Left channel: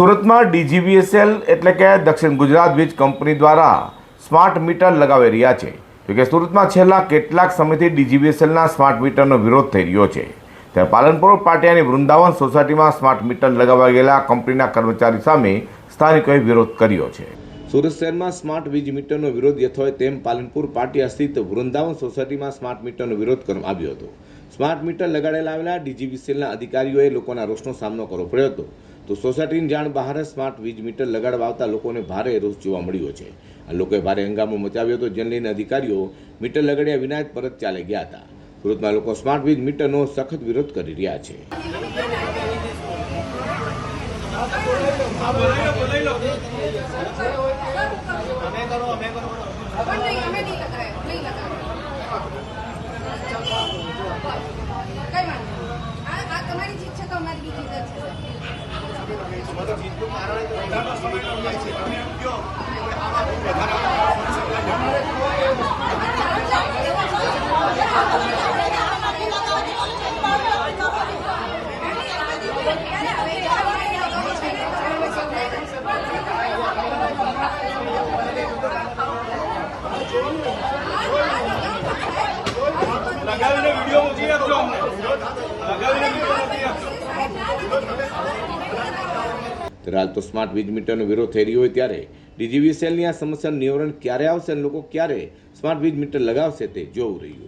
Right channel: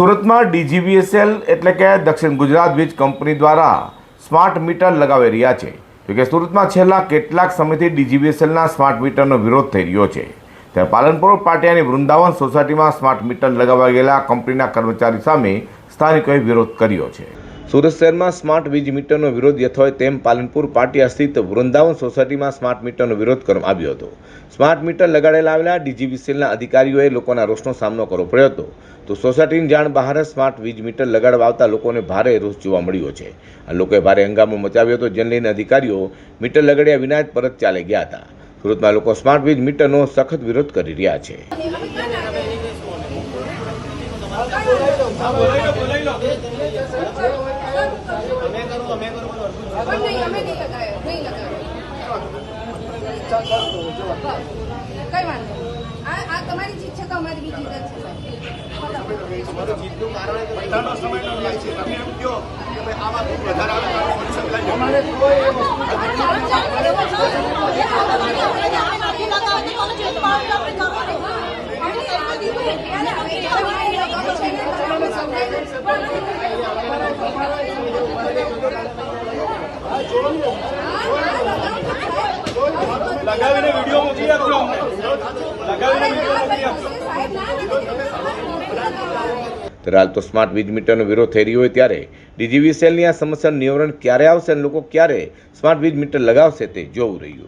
સુરતમાં ડીજીવીએસએલ એટલે કે દક્ષિણ ગુજરાત વીજ કંપની દ્વારા સ્માર્ટ મીટર લગાવી રહ્યા છે. જોકે સુરતમાં છેલ્લા કેટલાક સમયથી ડીજીવીએસએલના સ્માર્ટ મીટરનો વિરોધ થઈ રહ્યો છે. ત્યારે પાલનપુર, પાટિયાની વૃંદાવન સોસાયટીમાં સ્માર્ટ મીટર લગાવવા ગયેલા કંપનીના કર્મચારી સામે સ્થાનિકોએ વિરોધ કર્યો છે. સુરત શહેરમાં સ્માર્ટ વીજ મીટરનો વિરોધ યથોય તેમ પાલનપુર પાટિયા સ્થિત વૃંદાવન સોસાયટીમાં સ્માર્ટ મીટરનો વિરોધ કરવામાં આવ્યો હતો. સ્માર્ટ મીટર લગાડેલા આવેલા ડીજીવીસીએલના અધિકારીઓએ લોકોના રોષનો સામનો કરવો પડ્યો હતો. તો સોસાયટીની જાણ બહાર સ્માર્ટ વીજ મીટર લગાડવા આવતા લોકોને ભારે રોષ જોવા મળ્યો છે. આ લોકોએ ભારે હંગામો મચાવ્યો હતો, જેને લઈને અધિકારીઓ મીટર લગાડ્યા વિના જ પરત ચાલી ગયા હતા. સુરતમાં લોકો સ્માર્ટ વીજ મીટરનો સખત વિરોધ કરી રહ્યા છે. પણ નહીં અમે નહીં લગાવ્યો નહીં લગાય કઈ વાંધો નહીં. આ આ તમારી જીત છે. તો અમારી બી જીત છે લગાવીને વીડિયો મોકલી આપજો લગાવીને વીડિયો મોકલી આપજો હાલ તો સ્માર્ટ વીજ મીટરનો વિરોધ થઈ રહ્યો હોય ત્યારે ડીજીવીસીએલની આ સમસ્યાનું નિવારણ ક્યારે આવશે અને લોકો ક્યારે સ્માર્ટ વીજ મીટર લગાવશે તે જોવું રહ્યું.